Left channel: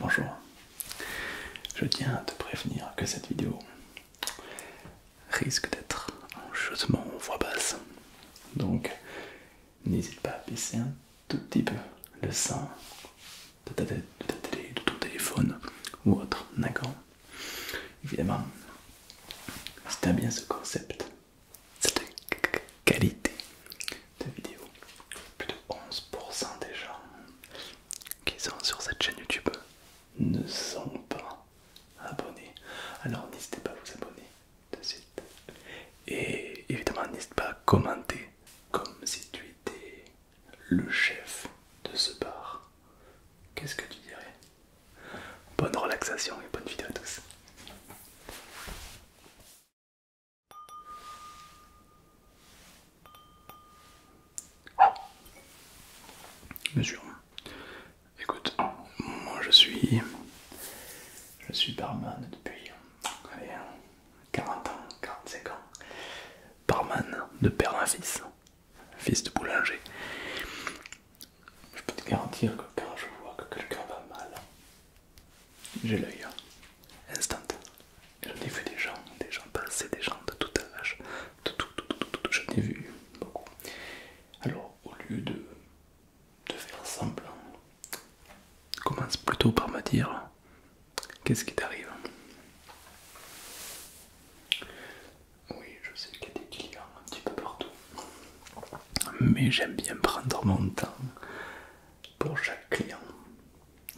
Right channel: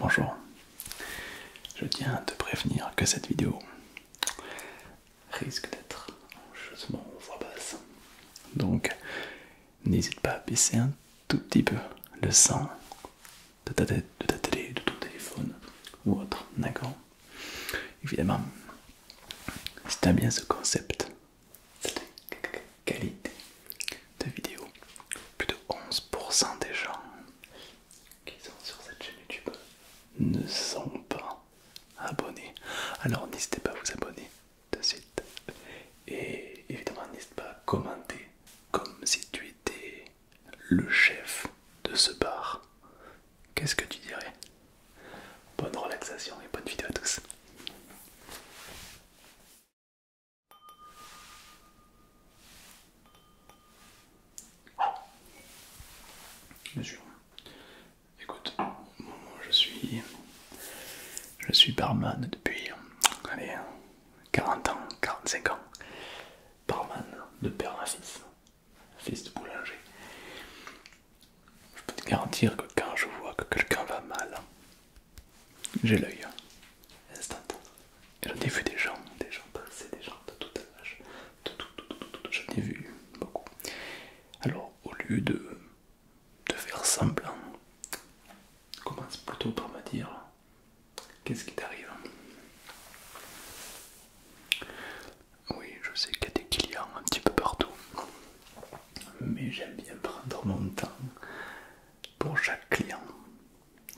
Bonjour, je tiens à te prévenir que cette vidéo risque d'être chaudement voix basse. Donc n'hésite pas à baisser un tout petit peu le son de ta télé, de ton téléphone ou autre, d'accord? Évidemment, si tu aimes bien ce concept, cette qualité de vidéo, plus de 11% des gens qui sont sur cette chaîne YouTube ne sont pas abonnés. Alors n'hésitez pas à vous abonner de suite. Et évidemment n'hésite pas à commenter comme si tu étais le chef de ce bar. Qu'est-ce que tu dirais? Bonne relaxation et bonne vidéo à tous. Bien sûr. Écoute, moi je suis barman depuis allez, 40 ans, 45 ans. Barman de père en fils de boulanger. Je peux te garantir que quand je vois que quelqu'un va mal, j'ai l'œil instant. J'en ai vu des gens passer, des gens de tout âge, j'en ai vu beaucoup. Alors au lieu de faire semblant, commence plutôt par me dire qu'est-ce qui t'arrive. Oui, je sais qu'il y a des clients un petit peu partout, mais j'aime bien prendre mon temps pour chaque client.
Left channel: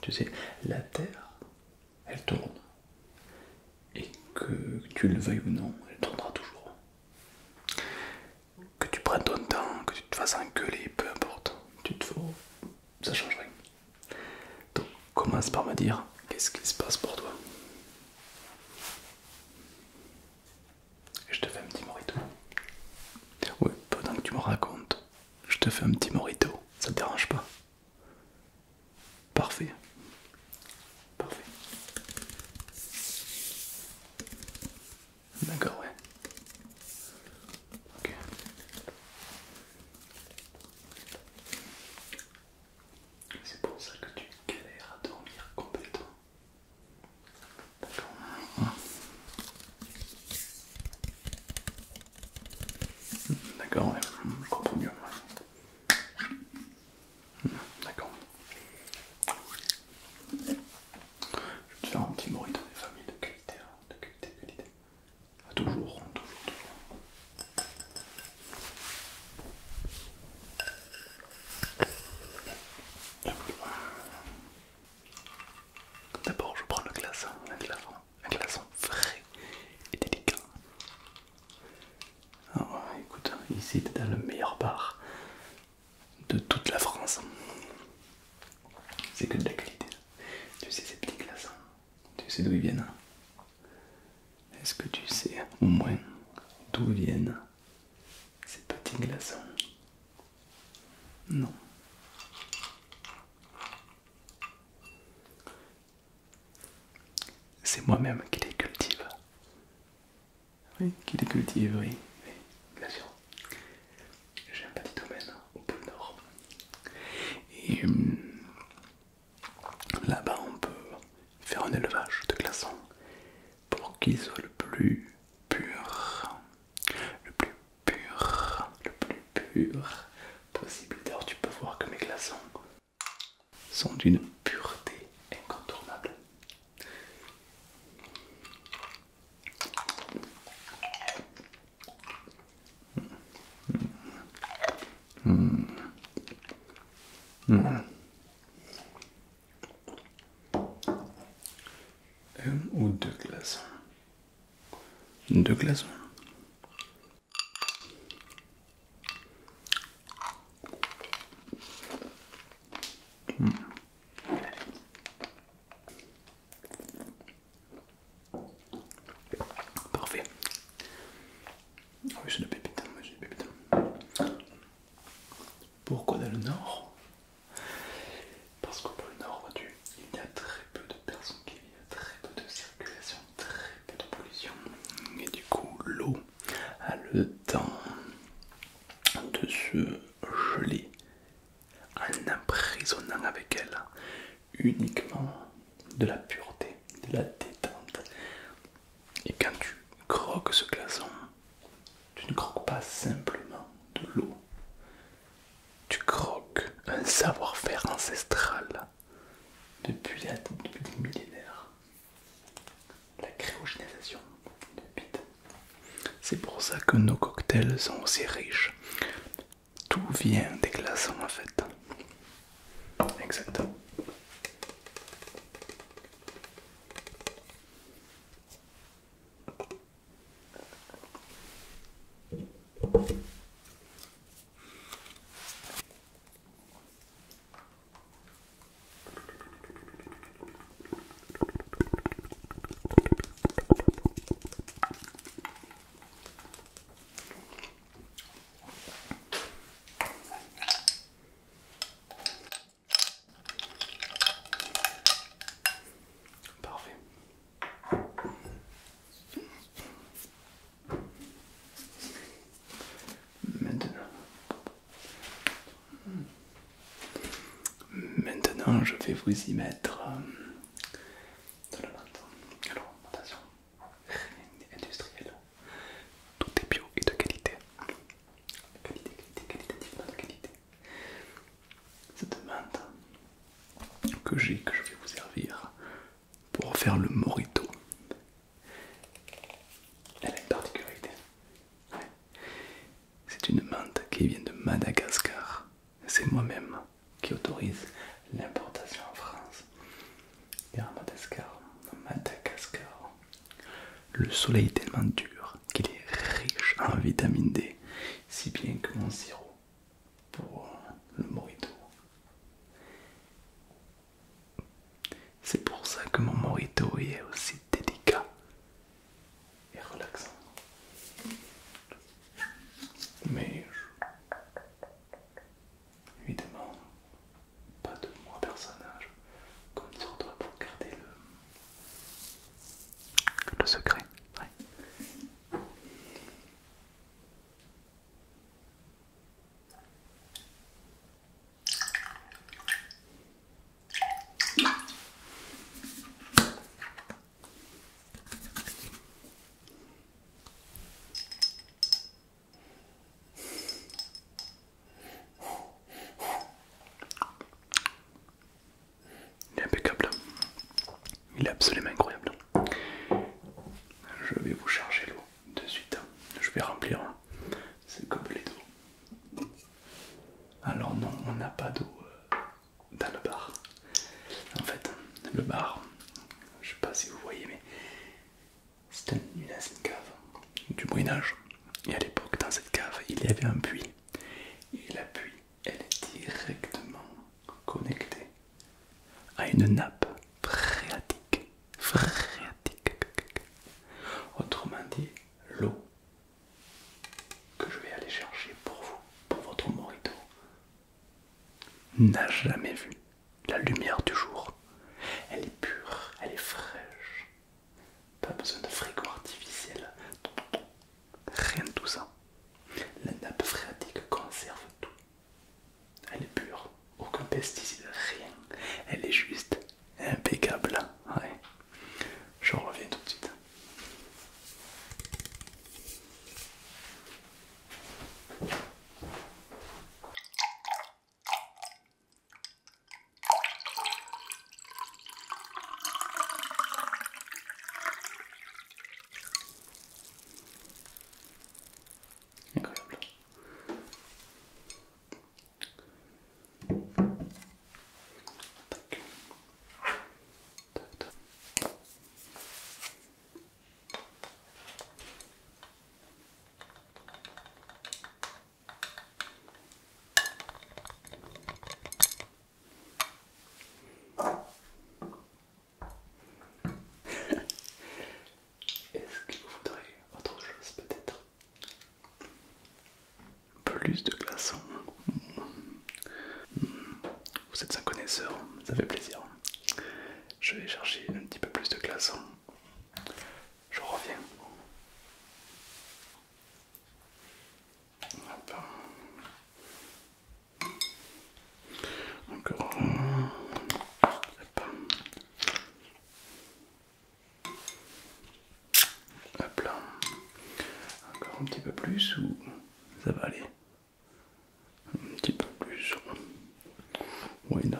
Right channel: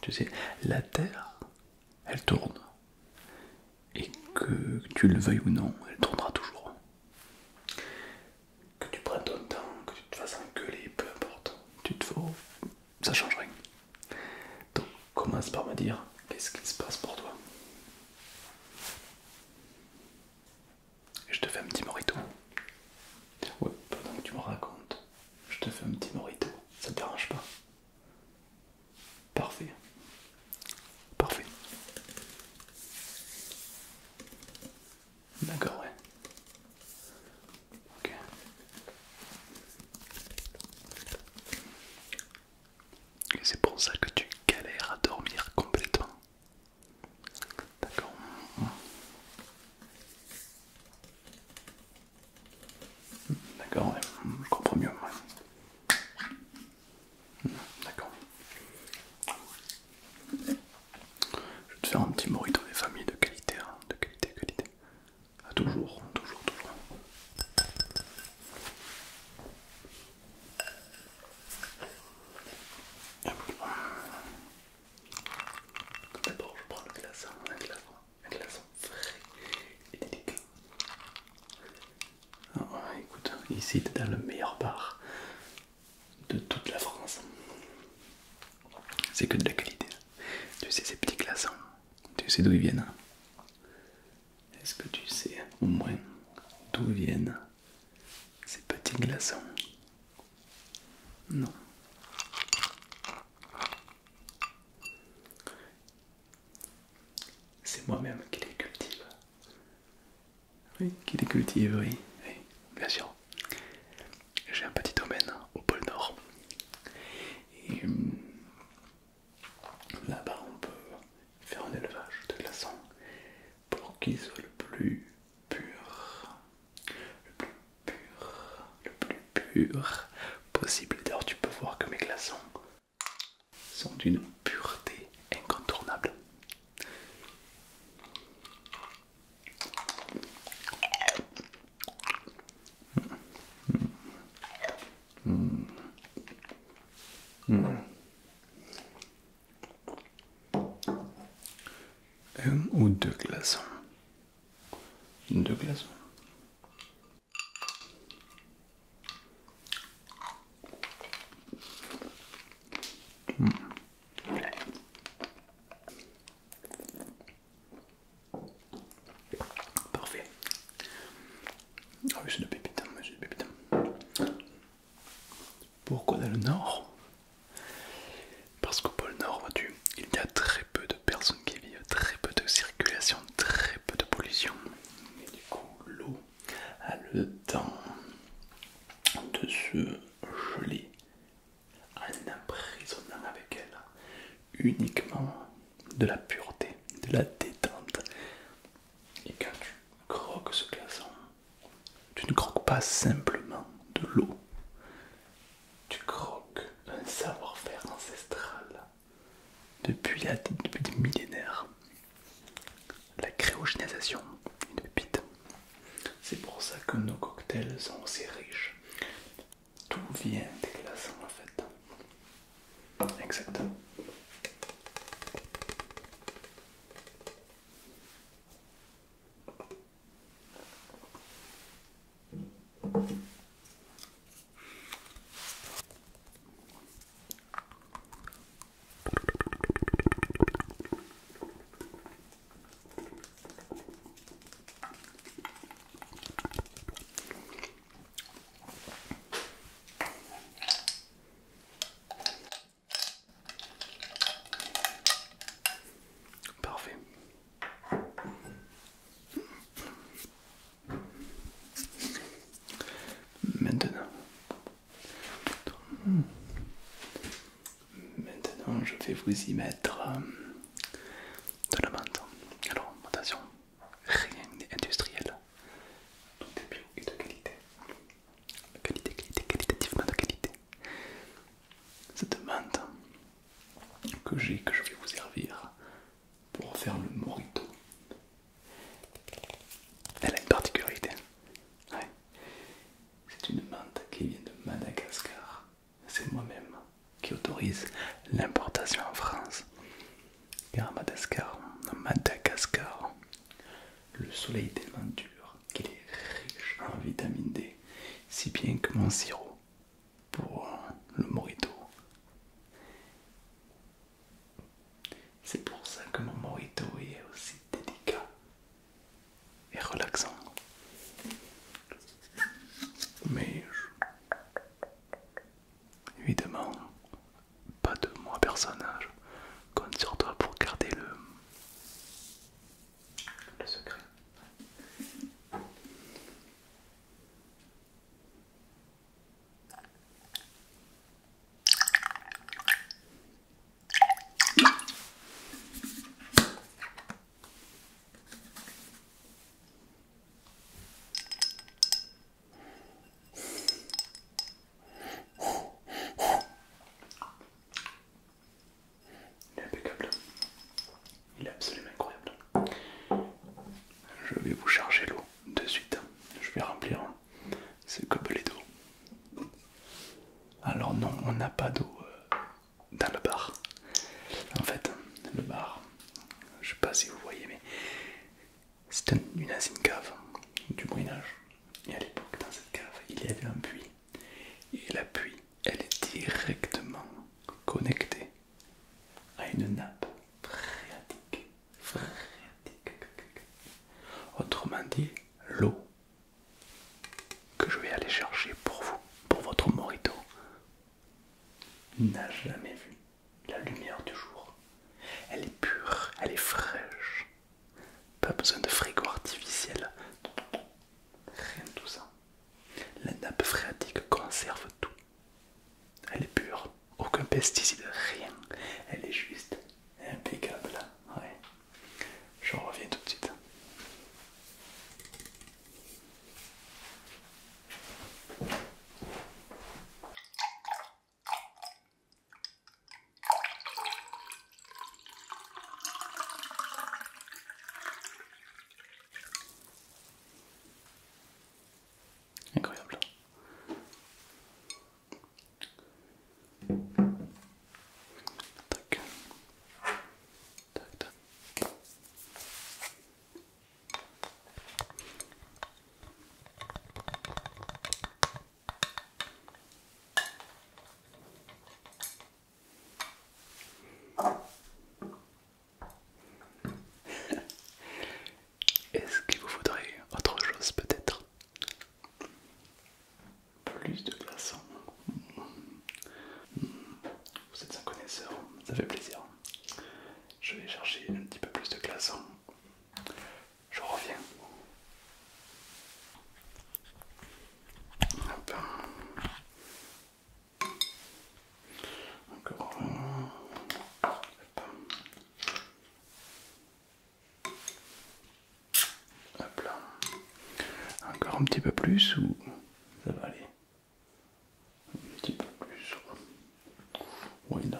Tu sais, la terre, elle tourne, et que tu le veuilles ou non, elle tournera toujours. Que tu prennes ton temps, que tu te fasses engueuler, peu importe, ça change rien. Donc commence par me dire qu'est-ce qui se passe pour toi. Et je te fais un petit morito. Oui, pendant que tu me racontes, je te fais un petit morito. Ça te dérange pas? Parfait. Parfait. D'accord, ouais. Ok. Et c'est pour ça que tu galères à dormir complètement. D'accord. D'accord, ouais. Je comprends mieux. D'accord. Je vais te faire un petit morito des familles de qualité, hein, de qualité, qualité. Ah, toujours. D'abord, je prends le glaçon, un glaçon frais et délicat. Alors, écoute, ici t'es dans le meilleur bar de toute la France. C'est que de la qualité. Tu sais, ces petits glaçons, tu sais d'où ils viennent? Est-ce que tu sais au moins d'où viennent ces petits glaçons? Non. C'est moi-même qui les cultive. Oui, qui les cultive, oui, bien sûr. J'ai un petit domaine au pôle Nord. Et là-bas, on peut faire un élevage de glaçons pour qu'ils soient le plus pur, le plus pur possible. D'ailleurs, tu peux voir que mes glaçons sont d'une pureté incontournable. Un ou deux glaçons. Deux glaçons. Parfait. Ah oui, c'est de pépite, c'est de pépite. Pourquoi dans le Nord? Parce qu'au pôle Nord, vois-tu, il y a très peu de personnes qui vivent, très peu de circulation, très peu de pollution. Et du coup, l'eau a le temps de se geler en emprisonnant avec elle uniquement de la pureté, de la détente. Et quand tu croques ce glaçon, tu ne croques pas simplement de l'eau, tu croques un savoir-faire ancestral depuis des millénaires. La cryogénisation de bite. C'est pour ça que nos cocktails sont aussi riches. Tout vient des glaçons en fait. Exactement. Parfait. Maintenant, je vais vous y mettre de la menthe. Alors, attention, rien n'est industriel. Tout est bio et de qualité. Qualitativement de qualité. Cette menthe que je vais vous servir pour faire le mojito. Elle a une particularité. Ouais. C'est une menthe qui vient de Madagascar. C'est moi-même qui autorise l'importation en France. Car à Madagascar, le soleil est tellement dur qu'il est riche en vitamine D, si bien que mon sirop pour le mojito. C'est pour ça que mon mojito est aussi délicat et relaxant. Mais évidemment, pas de moi personnage. Compte sur toi pour garder le secret. Ouais. Il est impeccable. Il est absolument incroyable. Je vais vous charger l'eau de suite. Je vais remplir ce gobelet d'eau. Alors non, on n'a pas d'eau dans le bar. En fait, le bar, je sais pas si vous voyez, mais c'est une ancienne cave du Moyen-Âge. Et à l'époque, dans cette cave, il y avait un puits. Et la puits, elle est directement connectée à une nappe phréatique. Autrement dit, l'eau que je vais aller chercher pour vous, pour votre mojito, n'a jamais vu la lumière du jour. Elle est pure, elle est fraîche. Pas besoin de frigo artificiel. Rien de tout ça. La nappe phréatique conserve tout. Elle est pure, aucun pesticide, rien. Elle est juste un petit peu plus ou ça va aller? Un petit peu plus. Why not?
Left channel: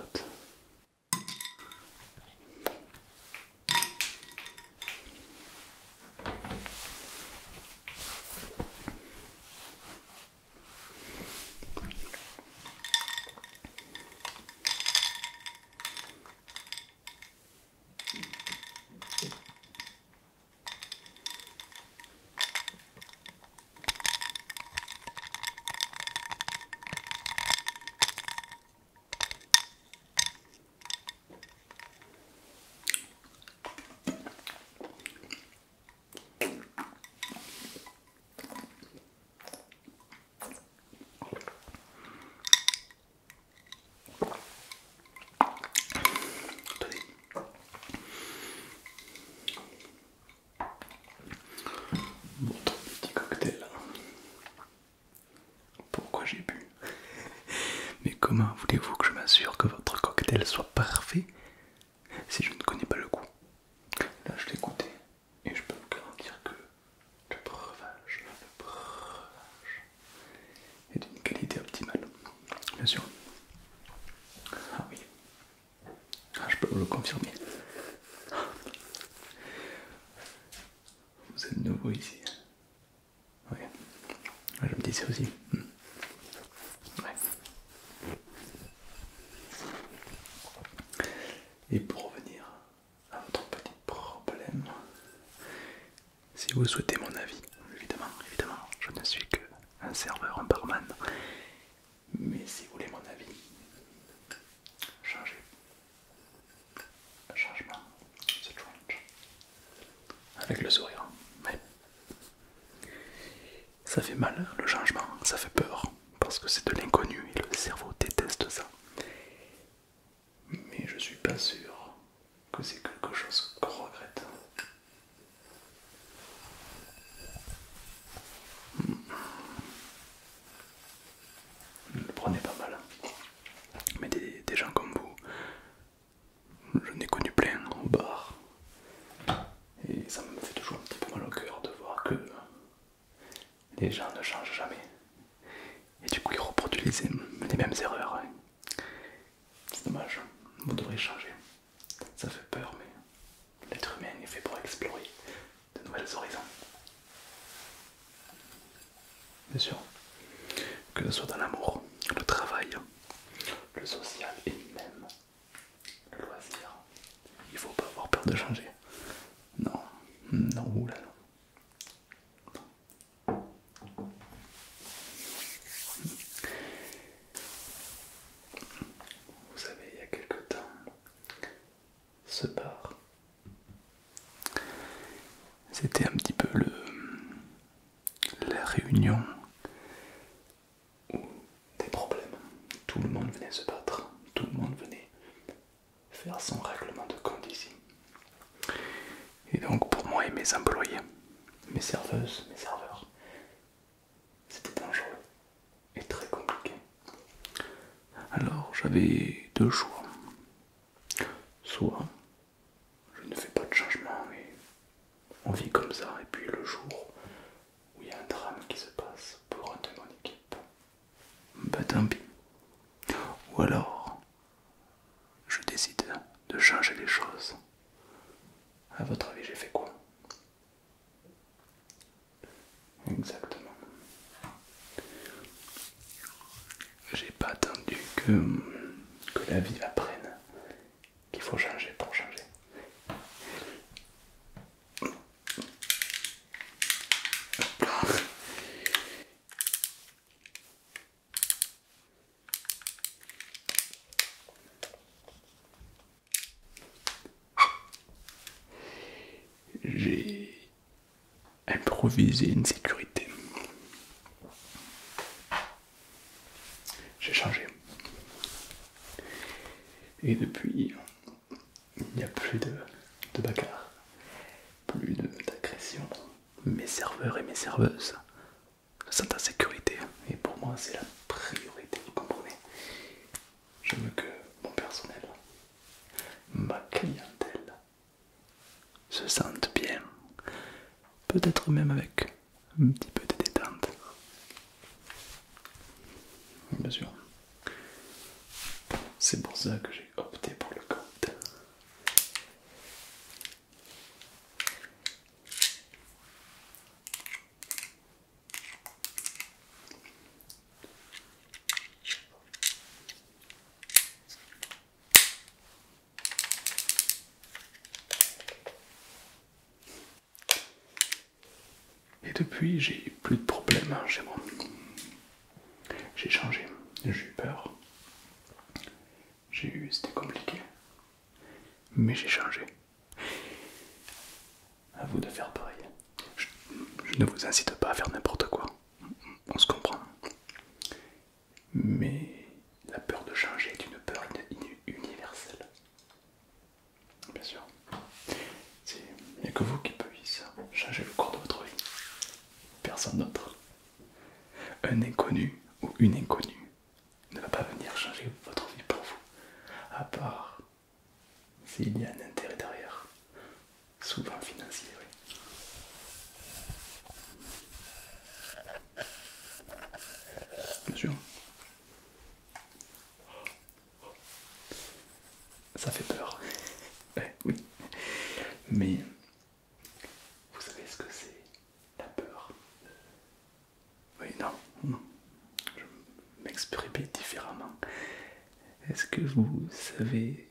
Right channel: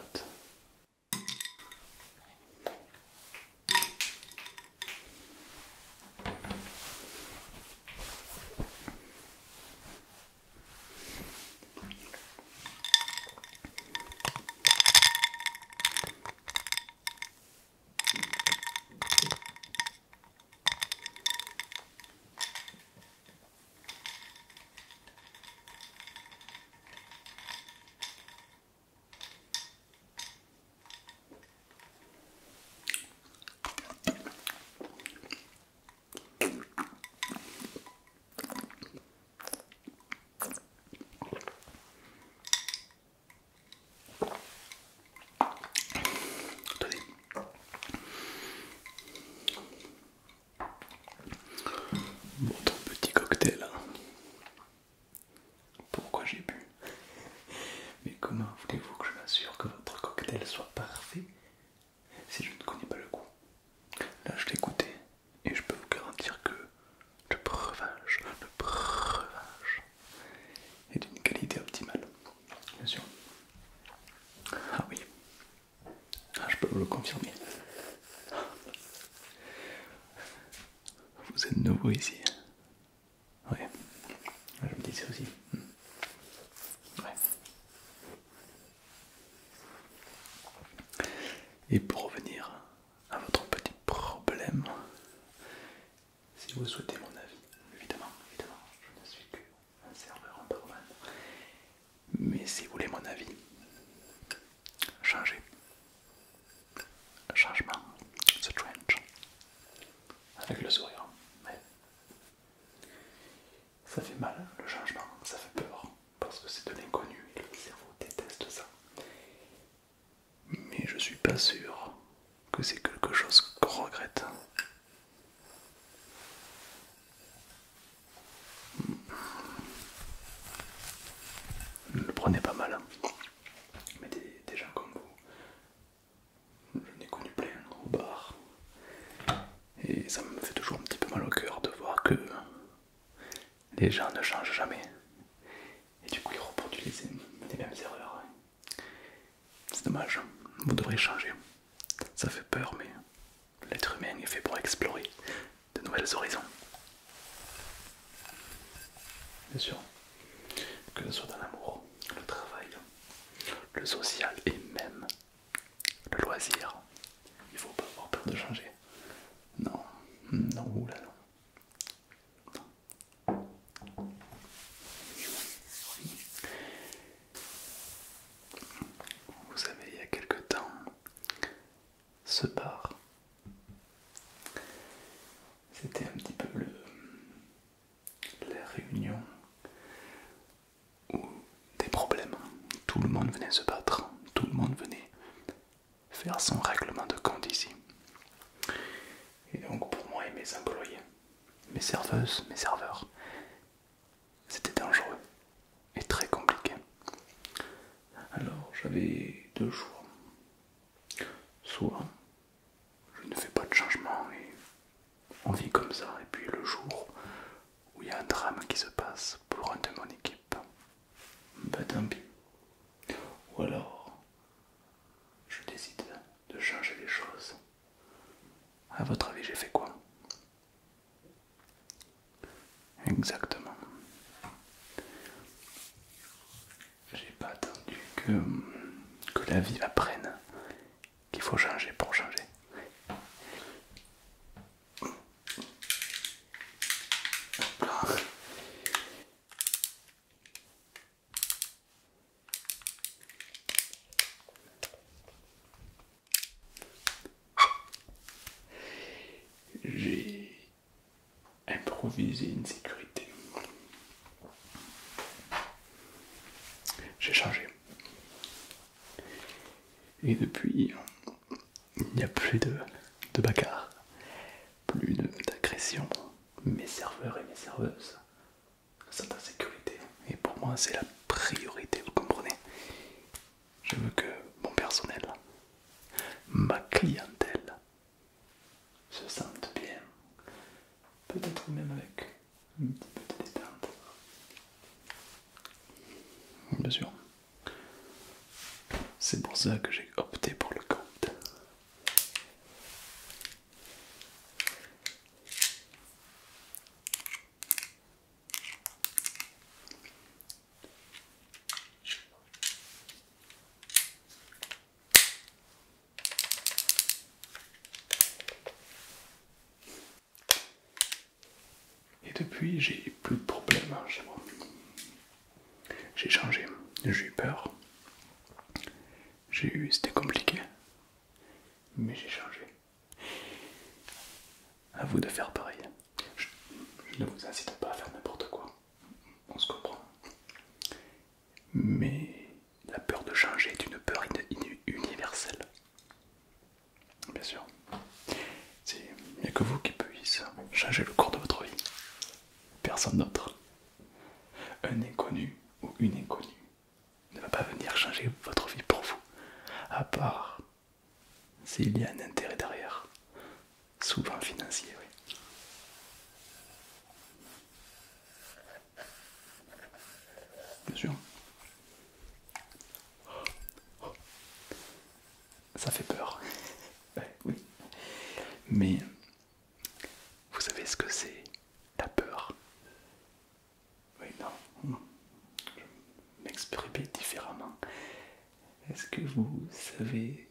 Votre petit cocktail. Pourquoi j'ai bu? Mais comment voulez-vous que je m'assure que votre cocktail soit parfait si je ne connais pas le goût? Là, je l'ai goûté et je peux vous garantir que le breuvage est d'une qualité optimale. Bien sûr. Ah oui. Ah, je peux vous le confirmer. Vous êtes nouveau ici. Oui. Je me disais aussi. Ouais. Et pour revenir à votre petit problème, si vous souhaitez mon avis, évidemment, je ne suis qu'un serveur, un barman. Mais si vous voulez mon avis, changez. Changement, c'est strange. Avec le sourire. Ouais. Ça fait mal, le changement, ça fait peur. Parce que c'est de l'inconnu et le cerveau déteste ça. Mais je suis pas sûr que c'est quelque chose qu'on regrette. Ne le prenez pas mal. Mais des gens comme vous, j'en ai connu plein au bar. Et ça me fait toujours un petit peu mal au cœur de voir que les gens ne changent jamais. Et du coup ils reproduisent les mêmes erreurs. C'est dommage, vous devrez changer. Ça fait peur, mais l'être humain est fait pour explorer de nouvelles horizons. Bien sûr, que ce soit dans l'amour, le travail, le social et même le loisir. Il faut pas avoir peur de changer. Non, non, oulala. Vous savez, il y a quelque temps, ce bar, c'était un petit peu la réunion où des problèmes. Tout le monde venait se battre, tout le monde venait faire son règlement de compte ici. Et donc pour moi et mes employés, mes serveuses, mes serveurs, c'était dangereux et très compliqué. Alors j'avais deux choix. Soit je ne fais pas de changement et on vit comme ça, et puis le jour où il y a un drame qui se passe pour un de mon équipe, bah tant pis. Ou alors je décide de changer les choses. À votre avis, j'ai fait quoi? Exactement. J'ai pas attendu que la vie apprenne qu'il faut changer pour changer. J'ai improvisé une sécurité. J'ai changé. Et depuis, il n'y a plus de bagarre, plus d'agression. Mes serveurs et mes serveuses sont en sécurité. Et pour moi, c'est la priorité, vous comprenez? Je veux que mon personnel, ma clientèle, se sente bien. Peut-être même avec un petit peu de détails. ça que j'ai opté pour le code. Et depuis, j'ai plus de problèmes chez moi. J'ai changé, j'ai eu peur. C'était compliqué, mais j'ai changé. À vous de faire pareil. Je ne vous incite pas à faire n'importe quoi. On se comprend. Mais la peur de changer est une peur universelle. Bien sûr. Il n'y a que vous qui puissiez changer le cours de votre vie. Personne d'autre. Un inconnu ou une inconnue ne va pas venir changer votre vie pour vous. À part s'il y a un intérêt derrière. Souvent financier, oui. Bien sûr. Ça fait peur. Ouais, oui. Mais vous savez ce que c'est la peur? Oui, non. Je m'exprimer différemment. Est-ce que vous savez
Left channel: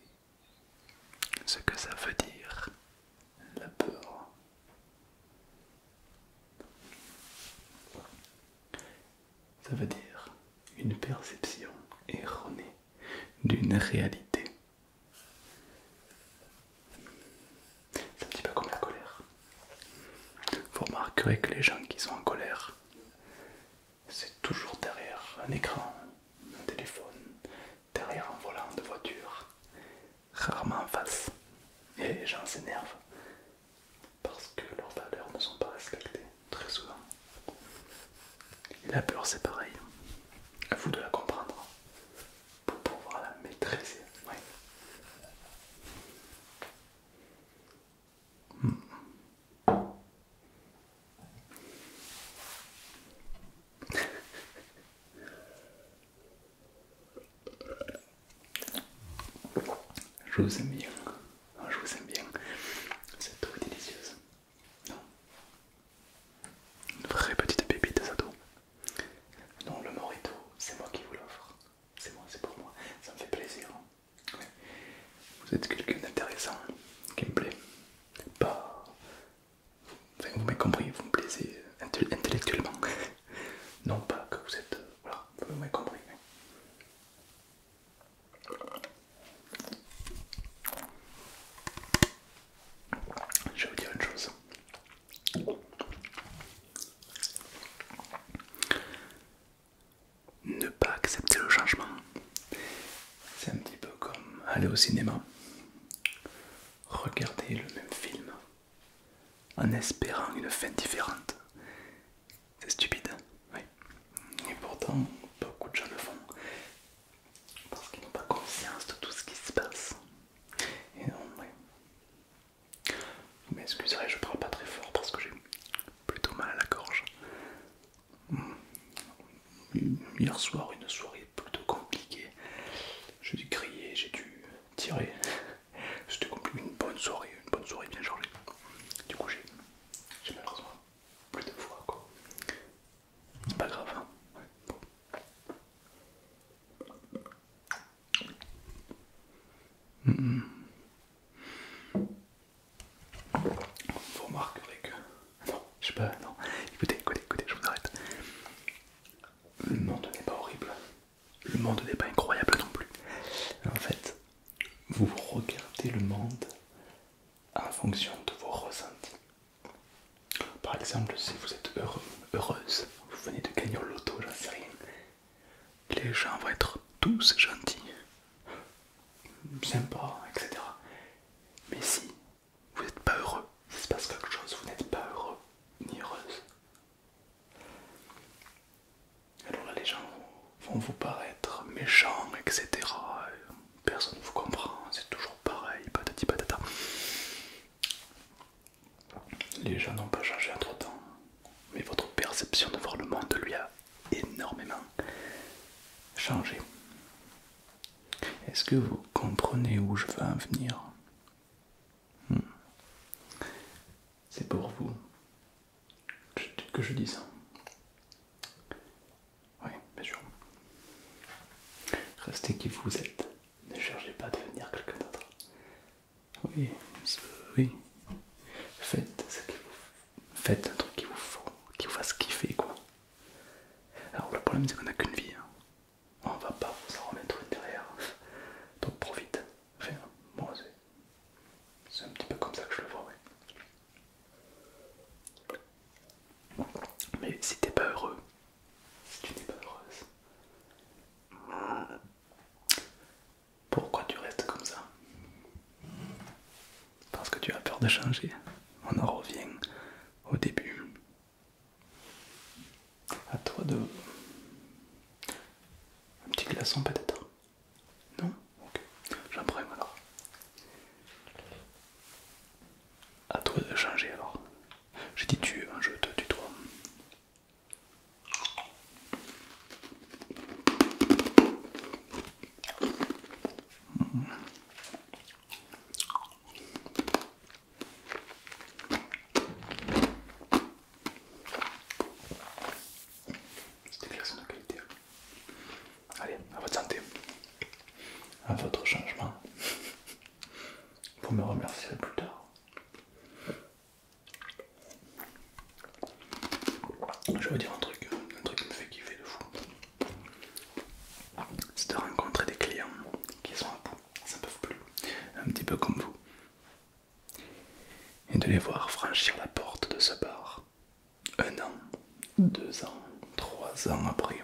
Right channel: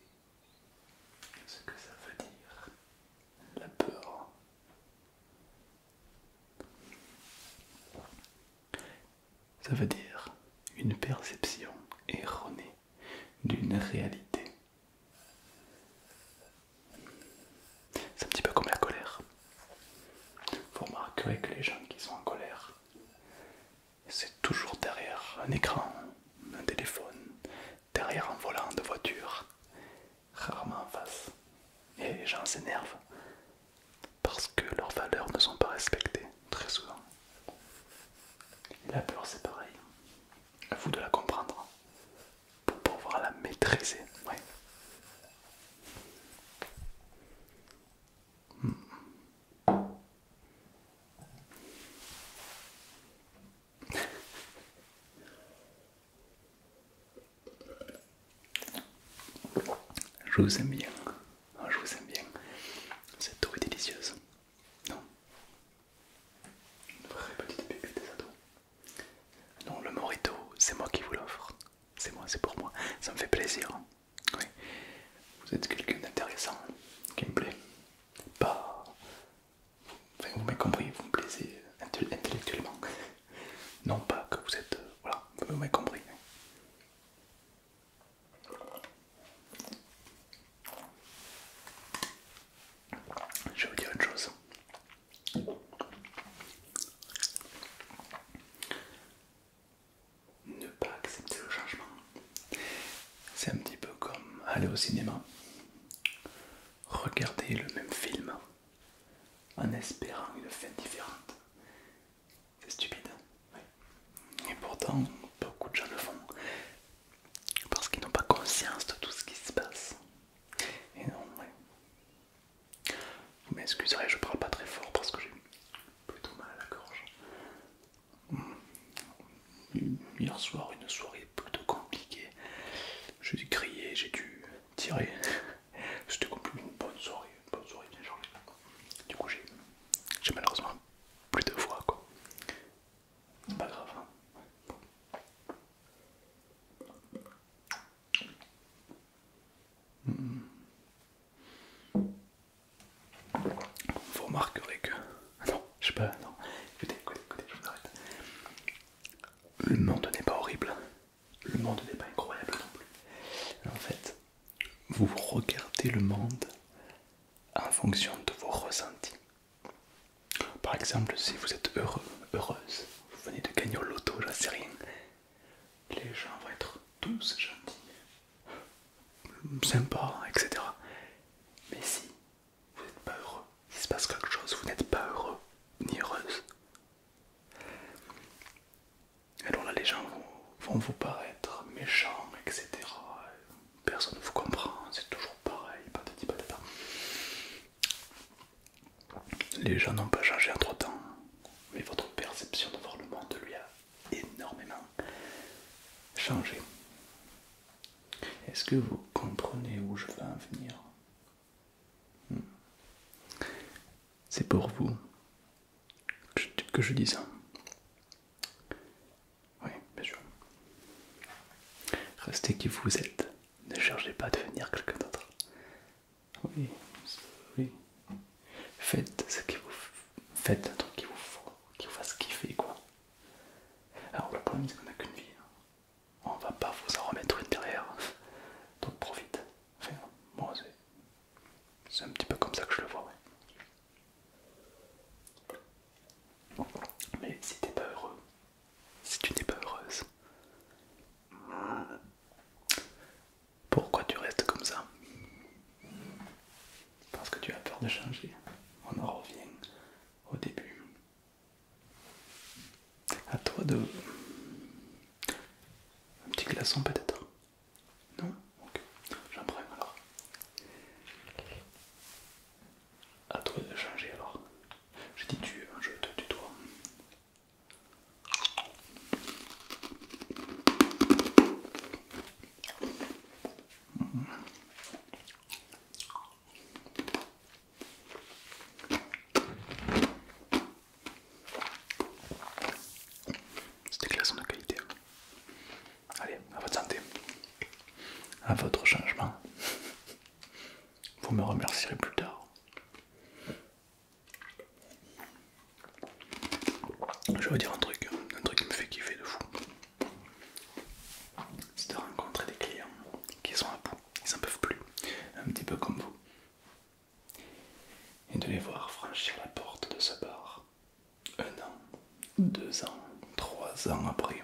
ce que ça veut dire, la peur? Ça veut dire une perception erronée d'une réalité. C'est un petit peu comme la colère. Vous remarquerez que les gens qui sont en colère, c'est toujours derrière un écran, un téléphone, derrière un volant de voiture, rarement en face. Et les gens s'énervent parce que leurs valeurs ne sont pas respectées, très souvent. Et la peur, c'est pareil. À vous de la comprendre pour pouvoir la maîtriser. Ouais. Je vous aime bien. Je vous aime bien. Cette eau est délicieuse. Une vraie petite pépite, cette eau. Non, le mojito, c'est moi qui vous l'offre. C'est moi, c'est pour moi. Ça me fait plaisir. Oui. Vous êtes quelqu'un d'intéressant, qui me plaît. Pas. Enfin, vous m'avez compris, vous me plaisez intellectuellement. Non pas que vous êtes. Voilà, vous m'avez compris. Je vais vous dire une chose. Ne pas accepter le changement, c'est un petit peu comme aller au cinéma, regarder le même film en espérant une fin différente. C'est stupide, oui. Et pourtant, beaucoup de gens le font parce qu'ils n'ont pas conscience de tout ce qui se passe. Et non, oui. Vous m'excuserez, je parle pas très fort parce que j'ai plutôt mal à la gorge. Hier soir, une soirée plutôt compliquée. J'ai dû crier, j'ai dû tirer. C'était une bonne soirée bien chargée. Du coup, j'ai malheureusement plus de voix, quoi. C'est pas grave. Hein. Vous remarquerez que. Non, je sais pas, non. Écoutez, je vous arrête. Le monde n'est pas horrible. Le monde n'est pas incroyable non plus. En fait, vous regardez le monde en fonction de vos ressentis. Par exemple, si vous êtes heureux, heureuse, vous venez de gagner au loto, j'en sais rien, les gens vont être tous gentils, sympas, etc. Mais si vous n'êtes pas heureux, il se passe quelque chose, vous n'êtes pas heureux ni heureuse, alors là les gens vont vous paraître méchants, etc. Personne ne vous comprend, c'est toujours pareil, patati patata. Les gens n'ont pas changé entre temps, mais votre perception de voir le monde lui a énormément changé. Est-ce que vous comprenez où je veux en venir? C'est pour vous que je dis ça. Oui, bien sûr. Restez qui vous êtes. Ne cherchez pas à devenir quelqu'un d'autre. Oui, oui. Faites ce que vous faites un truc qui vous fasse kiffer quoi. Alors le problème c'est qu'on n'a qu'une vie. Hein. On va pas vous en remettre une derrière. Donc profite. Enfin, moi c'est un petit peu comme ça que je le vois, ouais. Mais si t'es pas heureux, si tu n'es pas heureuse, pourquoi tu restes comme ça? Parce que tu as peur de changer. On en revient au début. À toi de... Un petit glaçon peut-être? Non? Ok. J'en prends alors. À toi de changer alors. J'ai dit tu, je te tutoie. C'est des glaçons de qualité. Allez, à votre santé. À votre changement. Vous me remercierez plus tard. Je vais vous dire un truc qui me fait kiffer de fou. C'est de rencontrer des clients qui sont à bout, ils n'en peuvent plus, un petit peu comme vous. Et de les voir franchir la porte de ce bar, 1 an, 2 ans, 3 ans après,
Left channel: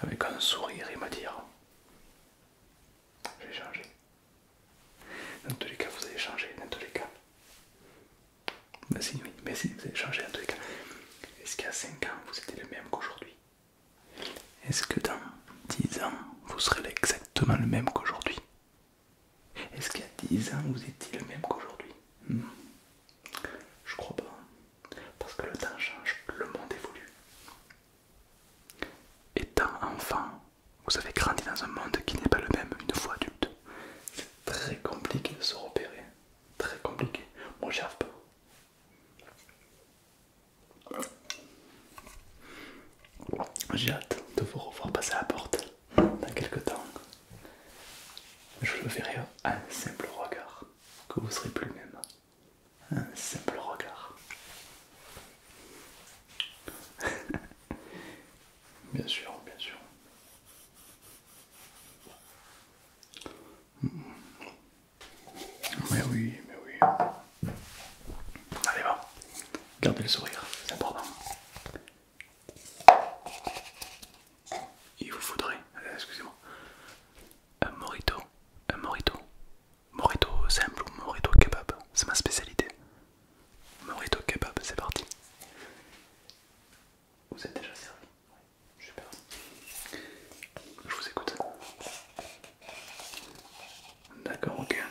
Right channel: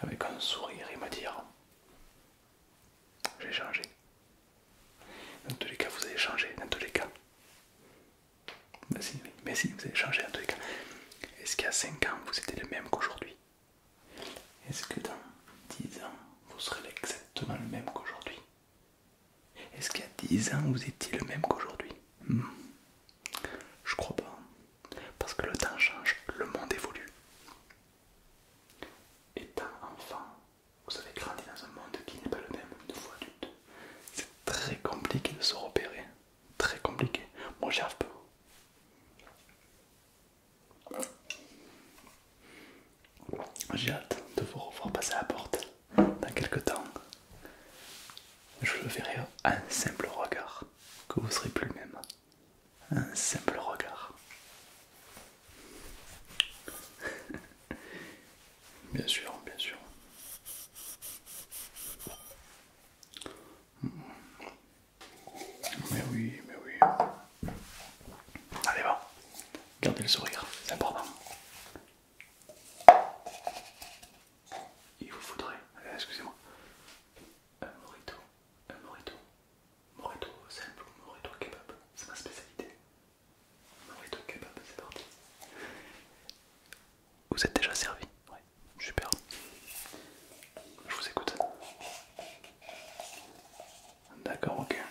avec un sourire et me dire j'ai changé. Dans tous les cas, vous avez changé, dans tous les cas. Mais si, vous avez changé dans tous les cas. Est-ce qu'il y a 5 ans, vous étiez le même qu'aujourd'hui? Est-ce que dans 10 ans, vous serez exactement le même qu'aujourd'hui? Est-ce qu'il y a 10 ans, vous étiez le même qu'aujourd'hui? Je crois pas. Parce que le temps change, le monde évolue. Étant enfant, vous avez grandi dans un monde qui n'est pas le même une fois adulte. C'est très compliqué de se repérer. Très compliqué. Moi, j'y arrive pas. J'ai hâte de vous revoir passer à la porte dans quelques temps. Je le verrai à un simple regard que vous serez plus le même. Un simple regard. Bien sûr, bien sûr. Mais oui, mais oui. Allez, va. Gardez le sourire, c'est important. Il vous faudrait, excusez-moi, un mojito. Un mojito. Mojito simple ou mojito kebab. C'est ma spécialité. Mojito kebab, c'est parti. Vous êtes déjà servi? Oui, super. Je vous écoute. D'accord, ok.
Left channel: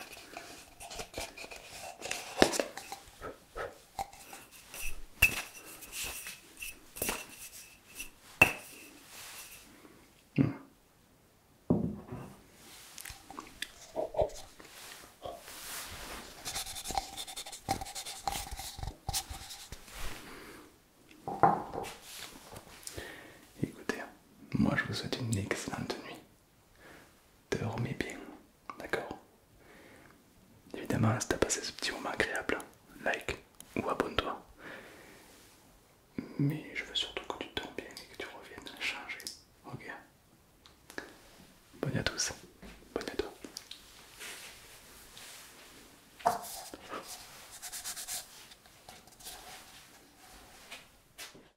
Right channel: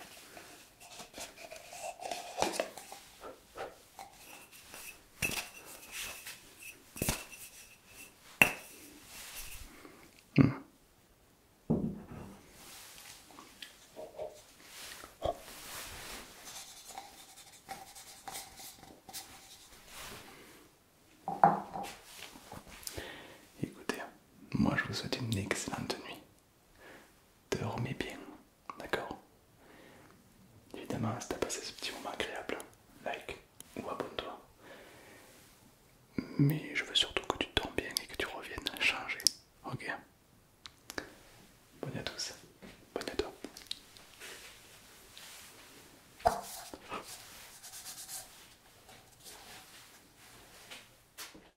Écoutez, moi je vous souhaite une excellente nuit. Dormez bien, d'accord? Évidemment, si t'as passé ce petit moment agréable, like ou abonne-toi. Mais